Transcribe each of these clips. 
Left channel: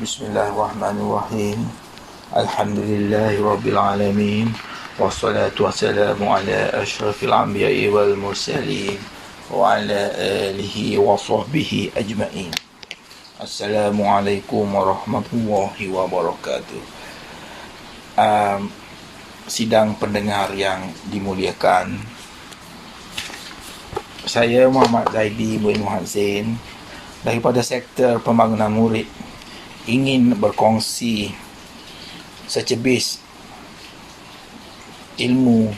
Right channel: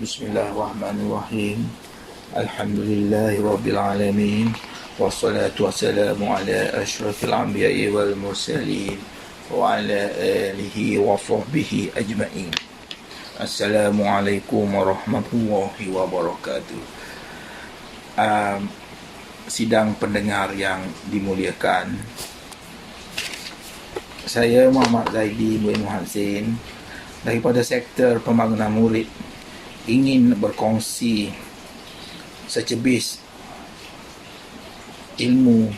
Bismillahirrahmanirrahim. Alhamdulillahirrabbilalamin. Wassalatu wassalamu ala ashrafil anbiya'i wal mursalin wa ala alihi wa sahbihi ajma'in. Assalamualaikum warahmatullahi wabarakatuh. Sidang pendengar yang dimuliakan, saya Muhammad Zaidi bin Muhsin daripada sektor pembangunan murid ingin berkongsi secebis ilmu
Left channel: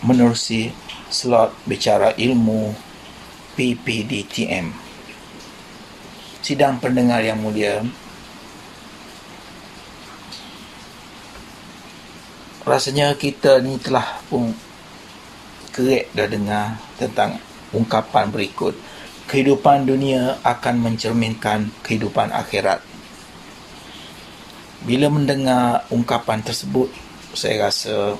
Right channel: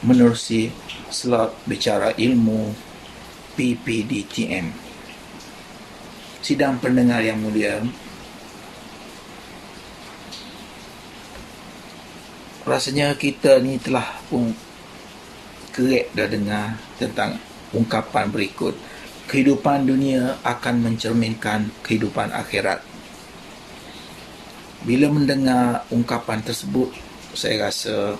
menerusi slot bicara ilmu PPDTM. Sidang pendengar yang mulia, rasanya kita ni telah pun kerek dah dengar tentang ungkapan berikut: kehidupan dunia akan mencerminkan kehidupan akhirat. Bila mendengar ungkapan tersebut, saya rasa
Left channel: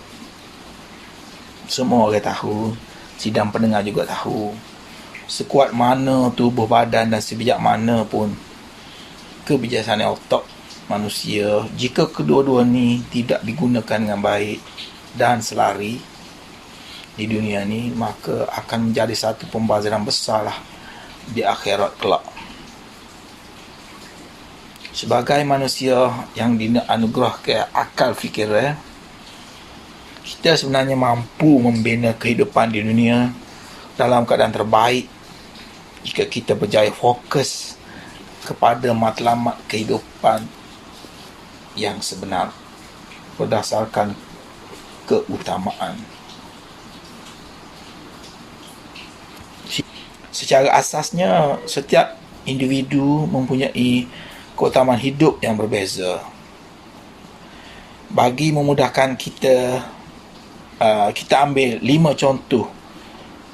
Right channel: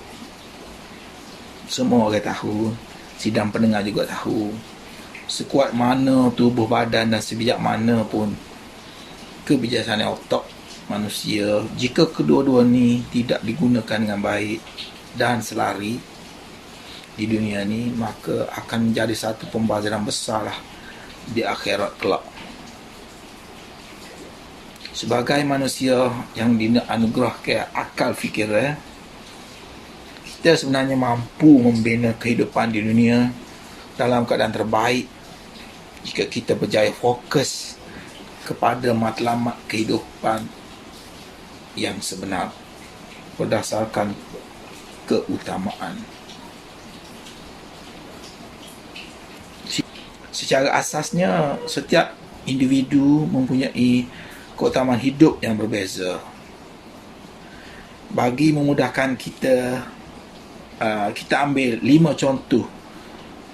semua orang tahu, sidang pendengar juga tahu, sekuat mana tubuh badan dan sebijak mana pun kebijaksanaan otak manusia, jika kedua-dua ni tidak digunakan dengan baik dan selari di dunia ni, maka akan menjadi satu pembaziran besar lah di akhirat kelak. Sebagai manusia yang dianugerahkan akal fikir, kita sebenarnya mampu membina kehidupan di dunia dalam keadaan terbaik jika kita berjaya fokus kepada matlamat kehidupan yang sebenar berdasarkan keutamaan. Secara asasnya, setiap individu mempunyai keutamaan hidup yang berbeza. Bagi memudahkan kita, kita ambil 5 contoh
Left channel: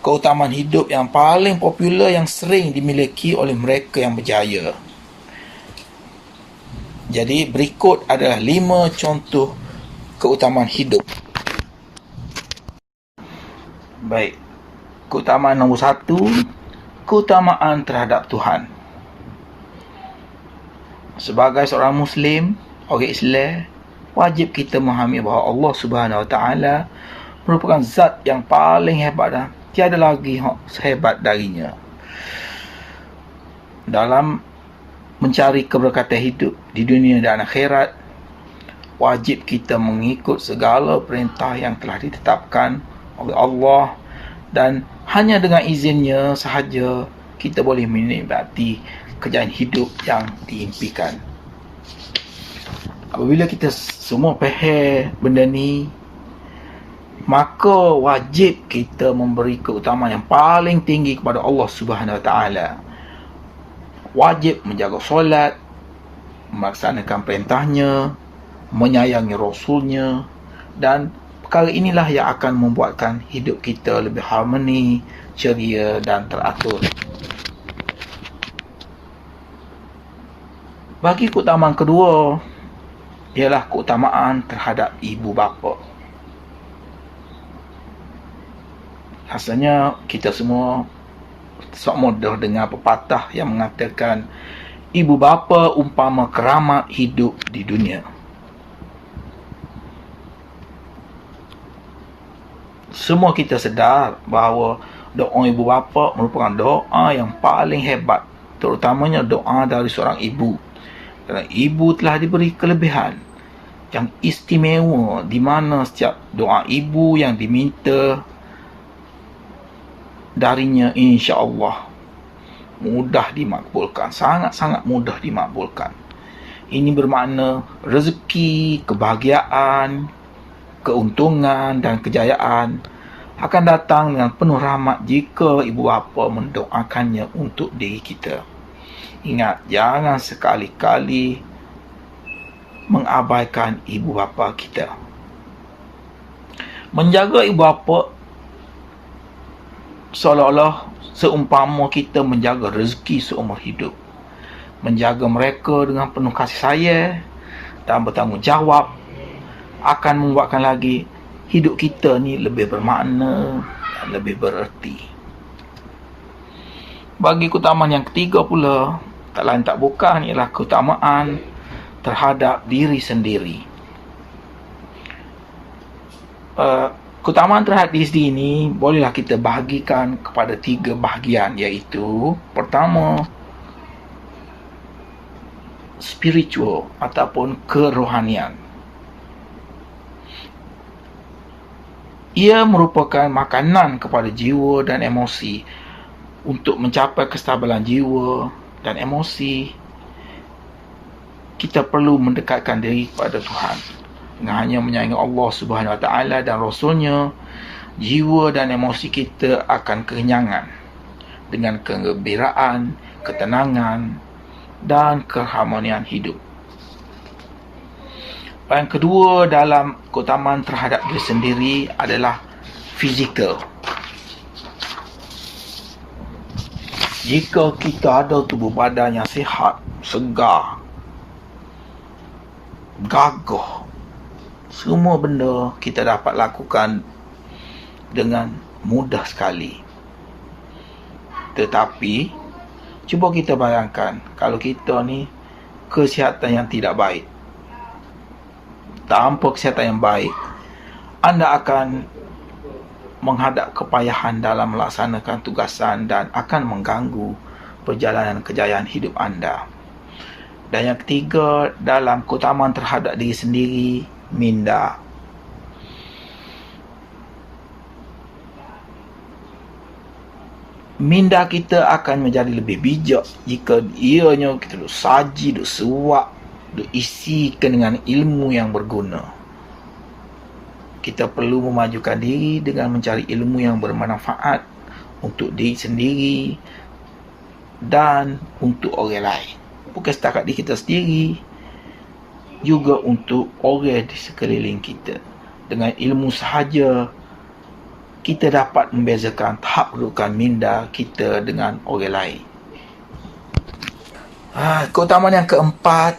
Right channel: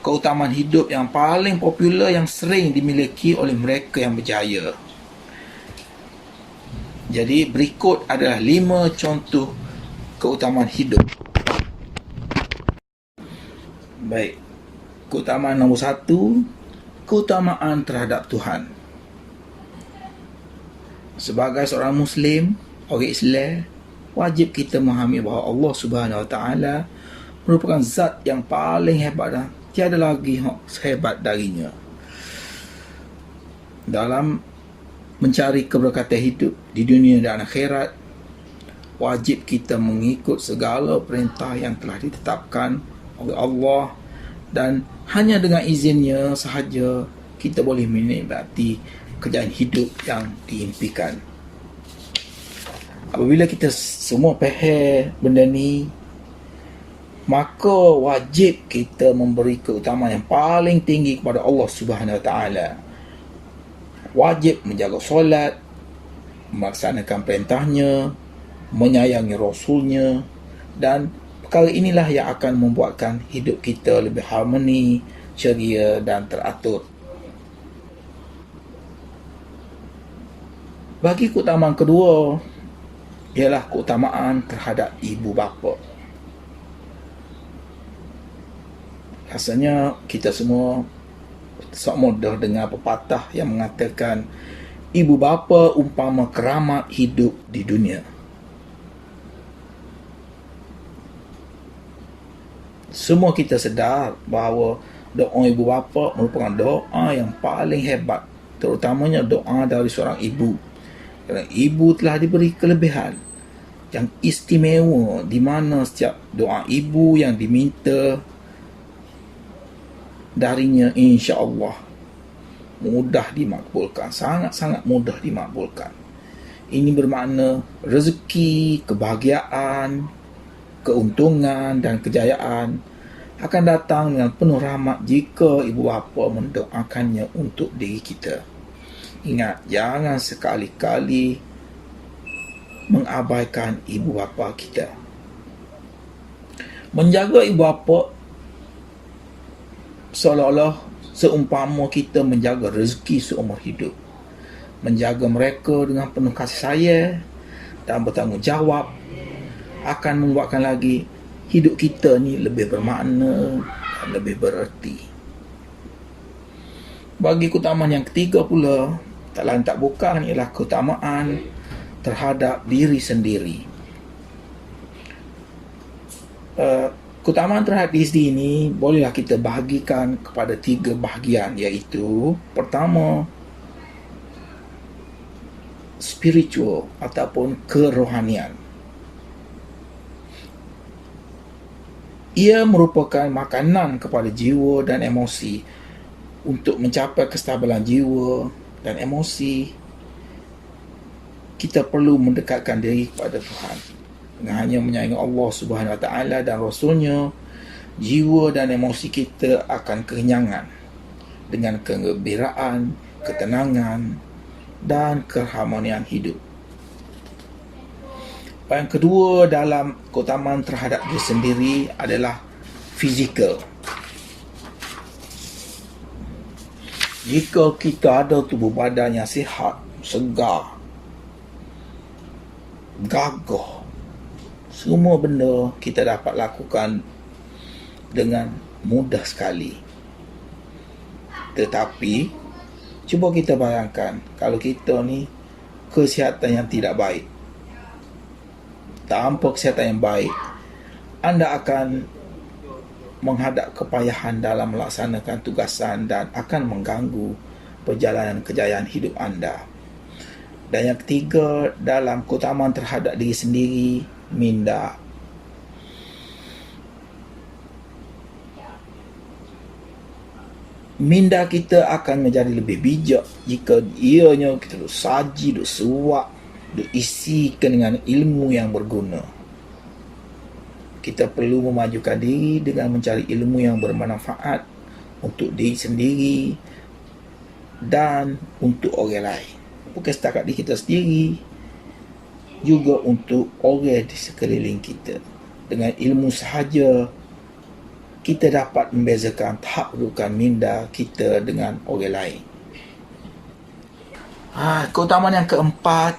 keutamaan hidup yang paling popular yang sering dimiliki oleh mereka yang berjaya. Jadi berikut adalah 5 contoh keutamaan hidup. Baik, keutamaan nombor 1, keutamaan terhadap Tuhan. Sebagai seorang Muslim, orang Islam, wajib kita memahami bahawa Allah Subhanahu Wa Taala merupakan zat yang paling hebat dan tiada lagi sehebat darinya. Dalam mencari keberkatan hidup di dunia dan akhirat, wajib kita mengikut segala perintah yang telah ditetapkan oleh Allah, dan hanya dengan izinnya sahaja kita boleh menikmati kejayaan hidup yang diimpikan. Apabila kita semua faham benda ni, maka wajib kita memberi keutamaan yang paling tinggi kepada Allah Subhanahu Wa Taala. Wajib menjaga solat, melaksanakan perintahnya, menyayangi Rasulnya, dan perkara inilah yang akan membuatkan hidup kita lebih harmoni, ceria dan teratur. Bagi keutamaan kedua ialah keutamaan terhadap ibu bapa. Rasanya kita semua sok mudah dengar pepatah yang mengatakan ibu bapa umpama keramat hidup di dunia. Semua kita sedar bahawa doa ibu bapa merupakan doa yang paling hebat, terutamanya doa dari seorang ibu. Kerana ibu telah diberi kelebihan yang istimewa, di mana setiap doa ibu yang diminta darinya insya-Allah mudah dimakbulkan, sangat-sangat mudah dimakbulkan. Ini bermakna rezeki, kebahagiaan, keuntungan dan kejayaan akan datang dengan penuh rahmat jika ibu bapa mendoakannya untuk diri kita. Ingat, jangan sekali-kali mengabaikan ibu bapa kita. Menjaga ibu bapa seolah-olah seumpama kita menjaga rezeki seumur hidup. Menjaga mereka dengan penuh kasih sayang dan bertanggungjawab akan membuatkan lagi hidup kita ni lebih bermakna dan lebih bererti. Bagi keutamaan yang ketiga pula Tak lain tak bukan ialah keutamaan terhadap diri sendiri. Keutamaan terhadap diri sendiri ini bolehlah kita bahagikan kepada 3 bahagian, iaitu pertama, spiritual ataupun kerohanian. Ia merupakan makanan kepada jiwa dan emosi. Untuk mencapai kestabilan jiwa dan emosi, kita perlu mendekatkan diri kepada Tuhan. Dengan hanya menyayangi Allah Subhanahu Wa Taala dan Rasulnya, jiwa dan emosi kita akan kekenyangan dengan kegembiraan, ketenangan dan keharmonian hidup. Yang kedua dalam keutamaan terhadap diri sendiri adalah fizikal. Jika kita ada tubuh badan yang sihat, segar, gagah, semua benda kita dapat lakukan dengan mudah sekali. Tetapi cuba kita bayangkan kalau kita ni kesihatan yang tidak baik. Tanpa kesihatan yang baik, anda akan menghadap kepayahan dalam melaksanakan tugasan dan akan mengganggu perjalanan kejayaan hidup anda. Dan yang ketiga dalam keutamaan terhadap diri sendiri, minda. Minda kita akan menjadi lebih bijak jika ianya kita duk saji, duk suap, duk isikan dengan ilmu yang berguna. Kita perlu memajukan diri dengan mencari ilmu yang bermanfaat untuk diri sendiri dan untuk orang lain. Bukan setakat diri kita sendiri, juga untuk orang di sekeliling kita. Dengan ilmu sahaja, kita dapat membezakan tahap kedudukan minda kita dengan orang lain. Keutamaan yang keempat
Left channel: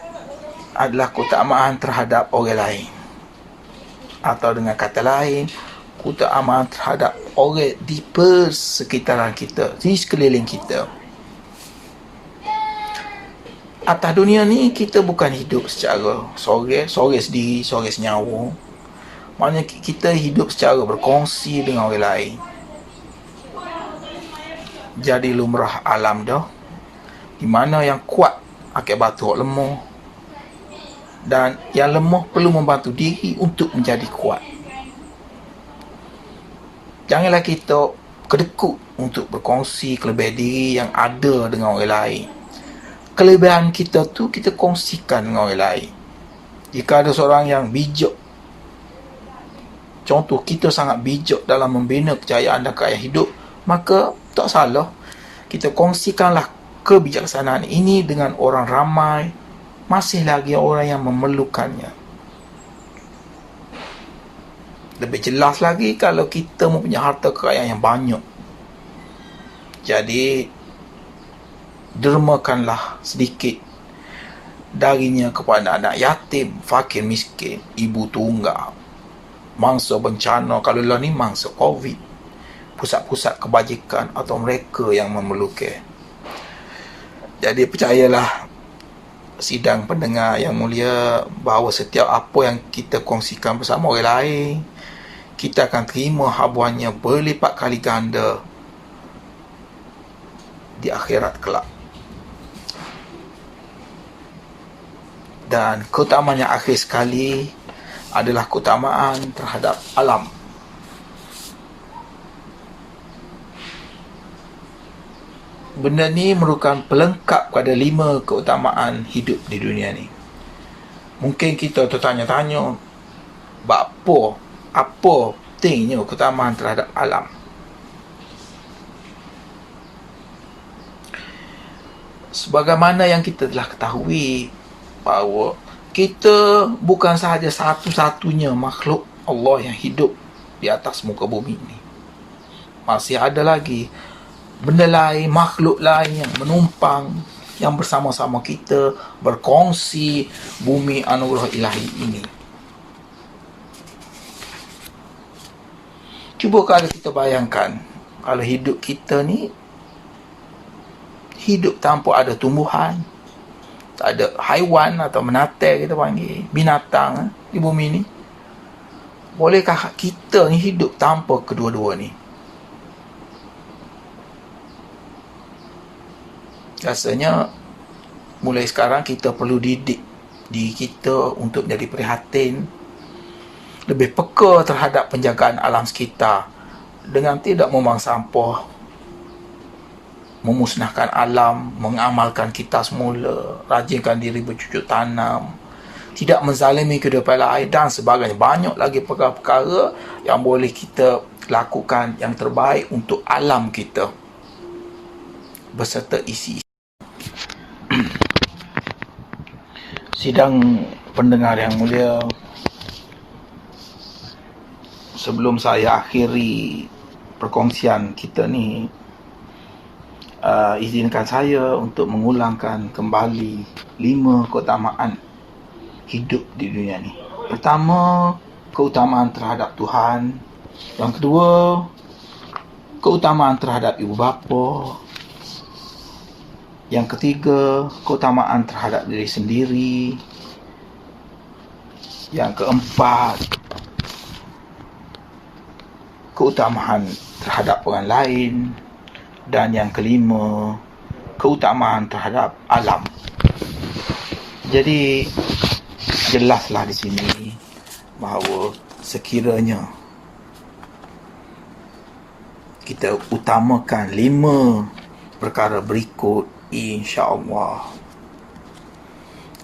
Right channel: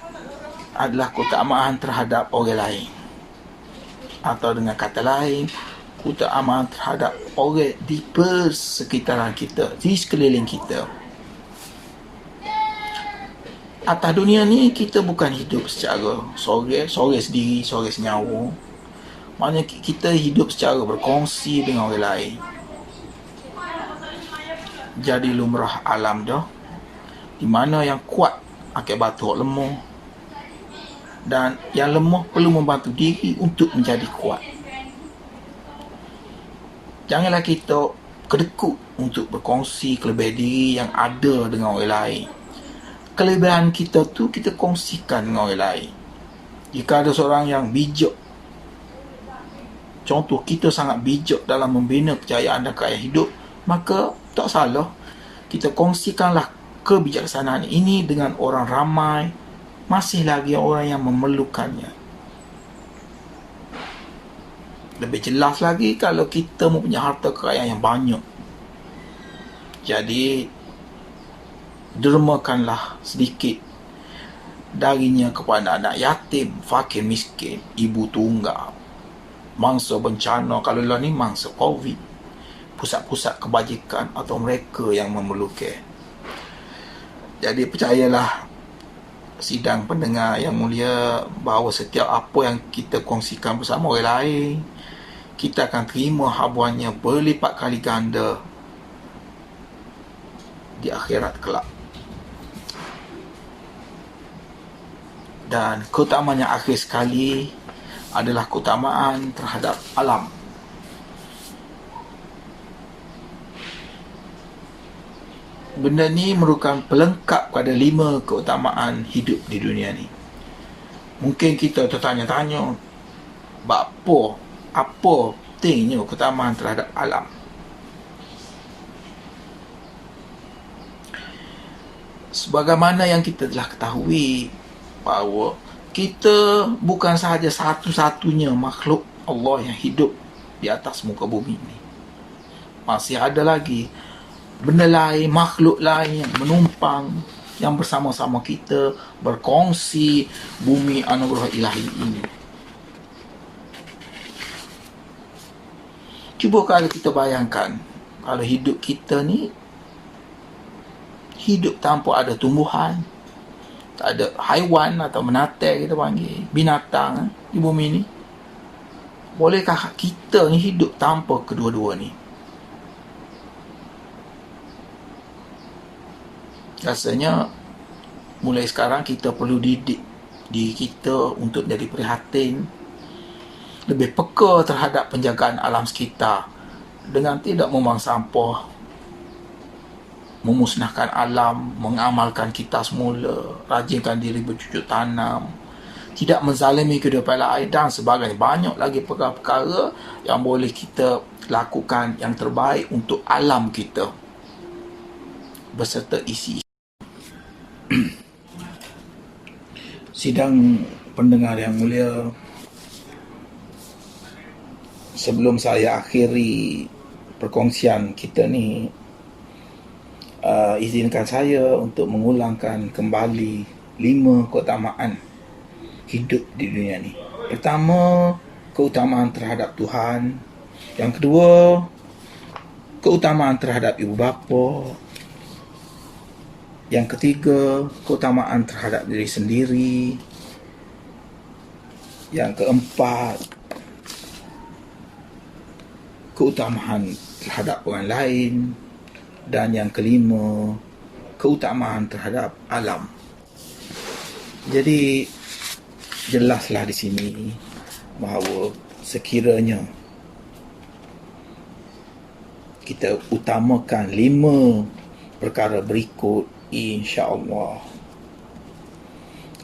adalah keutamaan terhadap orang lain. Atau dengan kata lain, keutamaan terhadap orang di persekitaran kita, di sekeliling kita. Atas dunia ni kita bukan hidup secara sorang sendiri, sorang senyawa. Maknanya kita hidup secara berkongsi dengan orang lain. Jadi lumrah alam dah, di mana yang kuat akan bantu orang lemah, dan yang lemah perlu membantu diri untuk menjadi kuat. Janganlah kita kedekut untuk berkongsi kelebihan diri yang ada dengan orang lain. Kelebihan kita tu kita kongsikan dengan orang lain. Jika ada seorang yang bijak, contoh kita sangat bijak dalam membina kejayaan dan kekayaan hidup, maka tak salah kita kongsikanlah kebijaksanaan ini dengan orang ramai, masih lagi orang yang memerlukannya. Lebih jelas lagi kalau kita mempunyai harta kekayaan yang banyak. Jadi dermakanlah sedikit darinya kepada anak yatim, fakir miskin, ibu tunggal, mangsa bencana, kalau lah ni mangsa COVID, pusat-pusat kebajikan atau mereka yang memerlukan. Jadi percayalah sidang pendengar yang mulia, bahawa setiap apa yang kita kongsikan bersama orang lain, kita akan terima habuannya berlipat kali ganda di akhirat kelak. Dan keutamaan yang akhir sekali adalah keutamaan terhadap alam. Benda ni merupakan pelengkap pada 5 keutamaan hidup di dunia ni. Mungkin kita tertanya-tanya, apa pentingnya keutamaan terhadap alam? Sebagaimana yang kita telah ketahui, bahawa kita bukan sahaja satu-satunya makhluk Allah yang hidup di atas muka bumi ini. Masih ada lagi benda lain, makhluk lain yang menumpang, yang bersama-sama kita berkongsi bumi anugerah ilahi ini. Cuba kalau kita bayangkan, kalau hidup kita ni hidup tanpa ada tumbuhan, tak ada haiwan atau menatai kita panggil, binatang di bumi ni. Bolehkah kita ni hidup tanpa kedua-dua ni? Rasanya mulai sekarang kita perlu didik diri kita untuk jadi prihatin, lebih peka terhadap penjagaan alam sekitar dengan tidak membuang sampah, memusnahkan alam, mengamalkan kita semula, rajinkan diri bercucuk tanam, tidak menzalimi kehidupan lain dan sebagainya. Banyak lagi perkara-perkara yang boleh kita lakukan yang terbaik untuk alam kita beserta isi. Sidang pendengar yang mulia, sebelum saya akhiri perkongsian kita ni, izinkan saya untuk mengulangkan kembali 5 keutamaan hidup di dunia ni. Pertama, keutamaan terhadap Tuhan. Yang kedua, keutamaan terhadap ibu bapa. Yang ketiga, keutamaan terhadap diri sendiri. Yang keempat, keutamaan terhadap orang lain. Dan yang kelima, keutamaan terhadap alam. Jadi jelaslah di sini bahawa sekiranya kita utamakan 5 perkara berikut, insya-Allah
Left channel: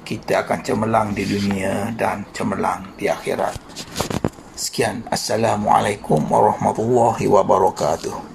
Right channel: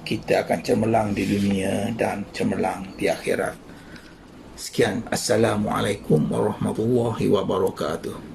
kita akan cemerlang di dunia dan cemerlang di akhirat. Sekian, Assalamualaikum warahmatullahi wabarakatuh.